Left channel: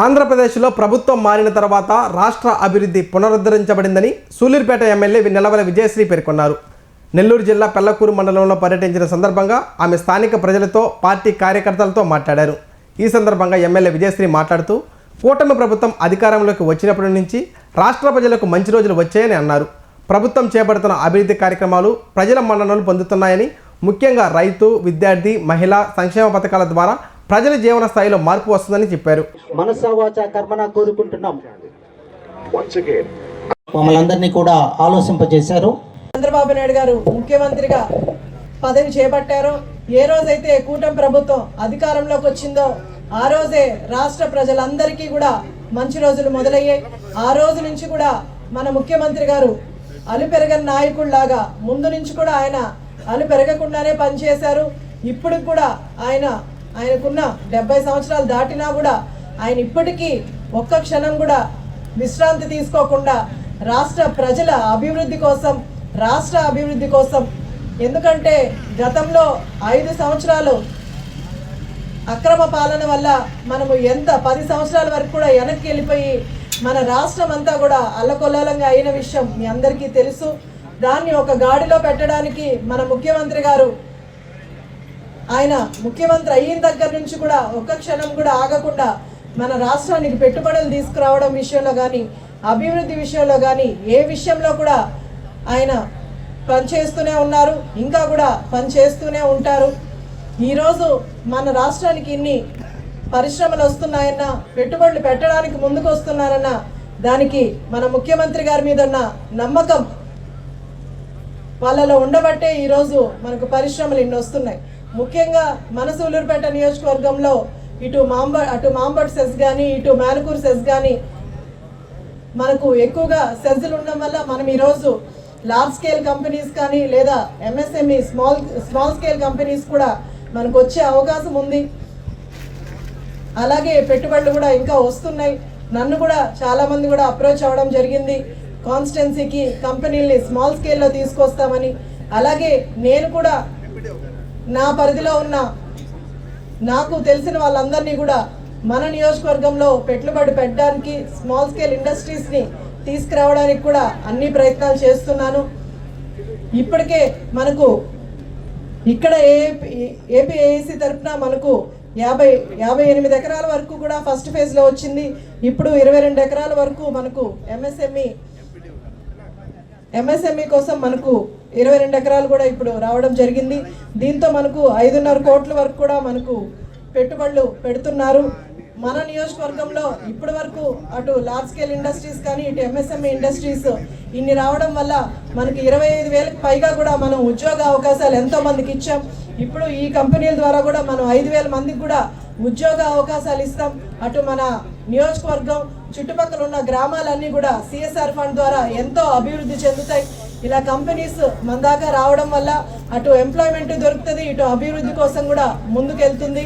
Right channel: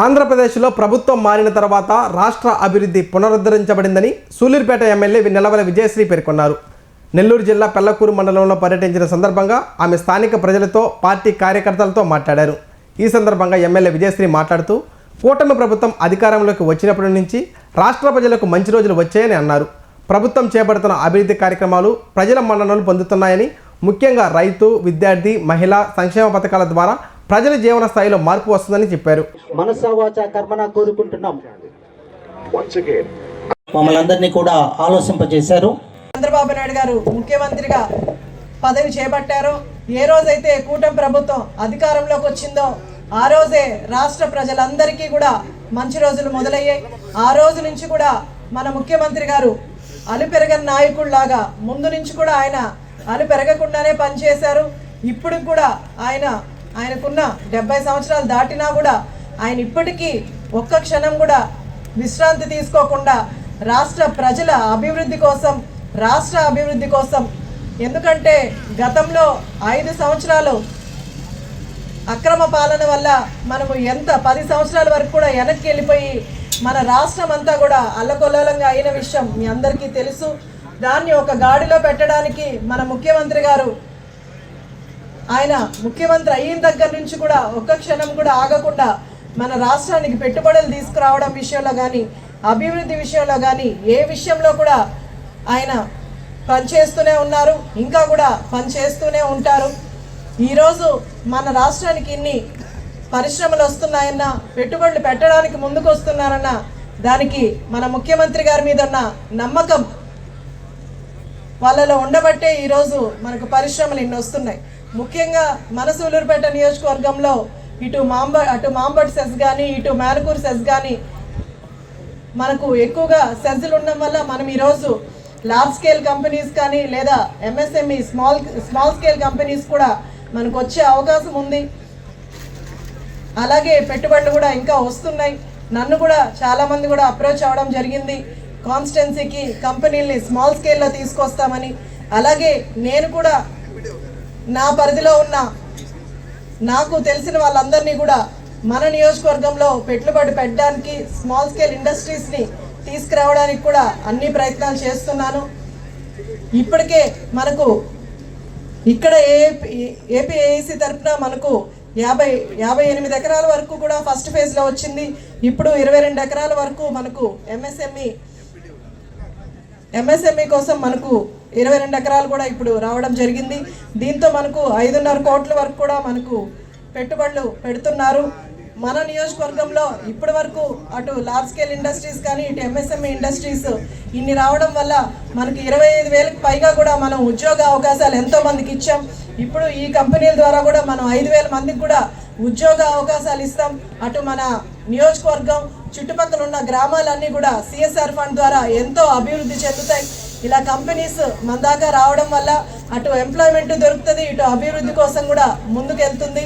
ఆంధ్రప్రదేశ్లో ప్రభుత్వం మారిన తర్వాత రాష్ట్ర అభివృద్ధి పునరుద్ధరించబడిందని సూలూరుపేట ఎమ్మెల్యే నెలవల విజయశ్రీ పేర్కొన్నారు. నెల్లూరు జిల్లా పెళ్లకూరు మండలంలో పర్యటించిన సందర్భంగా ఆమె స్థానిక ప్రజలతో, పార్టీ కార్యకర్తలతో మాట్లాడారు. ఈ సందర్భంగా ఎమ్మెల్యే విజయశ్రీ మాట్లాడుతూ కూటమి ప్రభుత్వం అధికారంలోకి వచ్చినప్పటి నుంచి రాష్ట్ర ప్రజలకు మంచి రోజులు వచ్చాయని అన్నారు. ప్రభుత్వం చేపడుతున్న అభివృద్ధి కార్యక్రమాలు ప్రజల మన్ననలు పొందుతున్నాయని, ముఖ్యంగా రైతు, విద్యార్థి, మహిళా సంక్షేమ పథకాల ద్వారా ప్రజల జీవన స్థాయిలో మార్పు వస్తుందని చెప్పారు. మనసా వాచా కర్మణ కోరుకుంటున్నాం. మమ్మల్ని అందరినీ కూడా ఆలోచింపజేశారు. చంద్రబాబు నాయుడు గారు ముఖ్యమంత్రిగా పదవి చేపట్టారో, ఏ రోజైతే కూటమి ప్రభుత్వం అధికారంలోకి వచ్చిందో ఆ రోజే రాష్ట్ర ప్రజలందరికీ కూడా మంచి రోజులు మొదలయ్యాయి. ఆ రోజు నుంచి కూడా మన ముఖ్యమంత్రి గారు అలుపెరగని నాయకుడిలాగా ముందు నుంచి కూడా ఆయన అలుపెరగకుండానే పనిచేశారు. ఇప్పుడు కూడా ఆయనకున్న 70 సంవత్సరాలు దాటినా కూడా ఆయన ఇప్పటికీ ఒక్క క్షణం కూడా విశ్రాంతి తీసుకోకుండా రాష్ట్ర ప్రజల అభివృద్ధి కోసం, రాష్ట్ర అభివృద్ధి కోసం, ఎందుకంటే గతంలో 5 సంవత్సరాలు అక్రమ పాలన వల్ల మనము 10 సంవత్సరాల వరకు కూడా వెనక్కి వెళ్ళిపోయి మన రాష్ట్రం అంతా కూడా అల్లకొల్లాలంగా అయిన విషయం మీ అందరికీ తెలుసు. దాన్ని ఒక గాడిలో పెట్టడానికి మన ముఖ్యమంత్రి గారు ఆయన ముఖ్యమంత్రి అయిన దగ్గర నుంచి కూడా ఒక్క క్షణం కూడా ఆగకుండా మన రాష్ట్రానికి పెట్టుబడులు తీసుకురావడం విషయంలో కానీ, అభివృద్ధి విషయంలో కానీ, ఏ విషయంలో కూడా ఆయన పనిచేస్తూనే ఉన్నారు, ఇంకా కూడా పనిచేస్తూనే ఉంటారు. ఈరోజు మన రాష్ట్రానికి ఇన్ని పరిశ్రమలు వస్తున్నాయన్నా, పెట్టుబడులు పెట్టడానికి ముందుకు వస్తున్నారన్న దానికి మన ముఖ్యమంత్రి గారి మీద ఉన్న నమ్మకం వాళ్ళలో ఉండబట్టే ఈరోజు మనకు పరిశ్రమలు ఇన్ని వస్తున్నాయి. ముఖ్యంగా మన సూలూరుపేట నియోజకవర్గంలో అటు మాంబట్ సెస్ కానీ, ఇటు మేనకూరు సెస్ కానీ మనకు ఎక్కువగా సెజ్లు ఉండడం వల్ల మనం ఈరోజు లార్జ్ స్కేల్ కంపెనీస్ కానీ లేదా ఎంఎస్ఎంఈ స్మాల్ స్కేల్ కంపెనీస్ కూడా మనకు వచ్చే అవకాశం ఉంది. అలాగే పెట్టుబడులు కూడా ఇంకా వస్తున్నాయి. నన్ను కూడా చాలామంది కూడా అప్రోచ్ అవ్వడం జరిగింది, కాన్స్టిట్యున్సీకి కంపెనీల్ని స్మాల్ స్కేల్లో తీసుకొస్తామని. అలాగే నేను కూడా నా పరిధిలో ఉన్న నాకు తెలిసిన వాళ్ళందరినీ కూడా మన నియోజకవర్గంలో పెట్టుబడి పెట్టడానికి, స్మాల్ స్కేల్ ఇండస్ట్రీస్ని తీసుకురావడానికి కూడా అన్ని ప్రయత్నాలు చేస్తున్నాను. ఇప్పటికే మనకు ఇక్కడ ఏపీఏఈసీ తరఫున మనకు 58 ఎకరాల వరకు కూడా ఫస్ట్ ఫేజ్లో వచ్చింది. ఇప్పుడు 22 ఎకరాల వరకు మనకు ఎంఎస్ఎంఈ కోసం మనకు 22 ఎకరాలు కూడా ఇప్పుడు రావడం జరిగింది. దీంతో మనకు 5.5 కోట్ల వరకు కూడా మనకు పెట్టుబడులు పెడుతున్నారు. మన నియోజకవర్గంలో ఇప్పటి వరకు అటు లార్జ్ స్కేల్ ఇండస్ట్రీస్ కానీ, ఇటు ఎంఎస్ఎంఈ ఇండస్ట్రీస్ ఇన్ని రావడం వల్ల మనకి 25,000కి పైగా కూడా మనం ఉద్యోగ అవకాశాలు ఎంతో మందికి ఇచ్చాం. ఇప్పుడు ఈ కంపెనీల ద్వారా కూడా మనం 5,000 మందికి కూడా ఉద్యోగ అవకాశాలు ఇస్తాం. అటు మన నియోజకవర్గం చుట్టుపక్కల ఉన్న గ్రామాలన్నీ కూడా సిఎస్ఆర్ ఫండ్ ద్వారా ఎంతో అభివృద్ధి చెందుతాయి. ఇలా కంపెనీస్ మన దాకా రావడం వల్ల అటు ఎంప్లాయ్మెంట్ దొరుకుతుంది, ఇటు అభివృద్ధి కోసం కూడా ముందుకెళ్తుంది.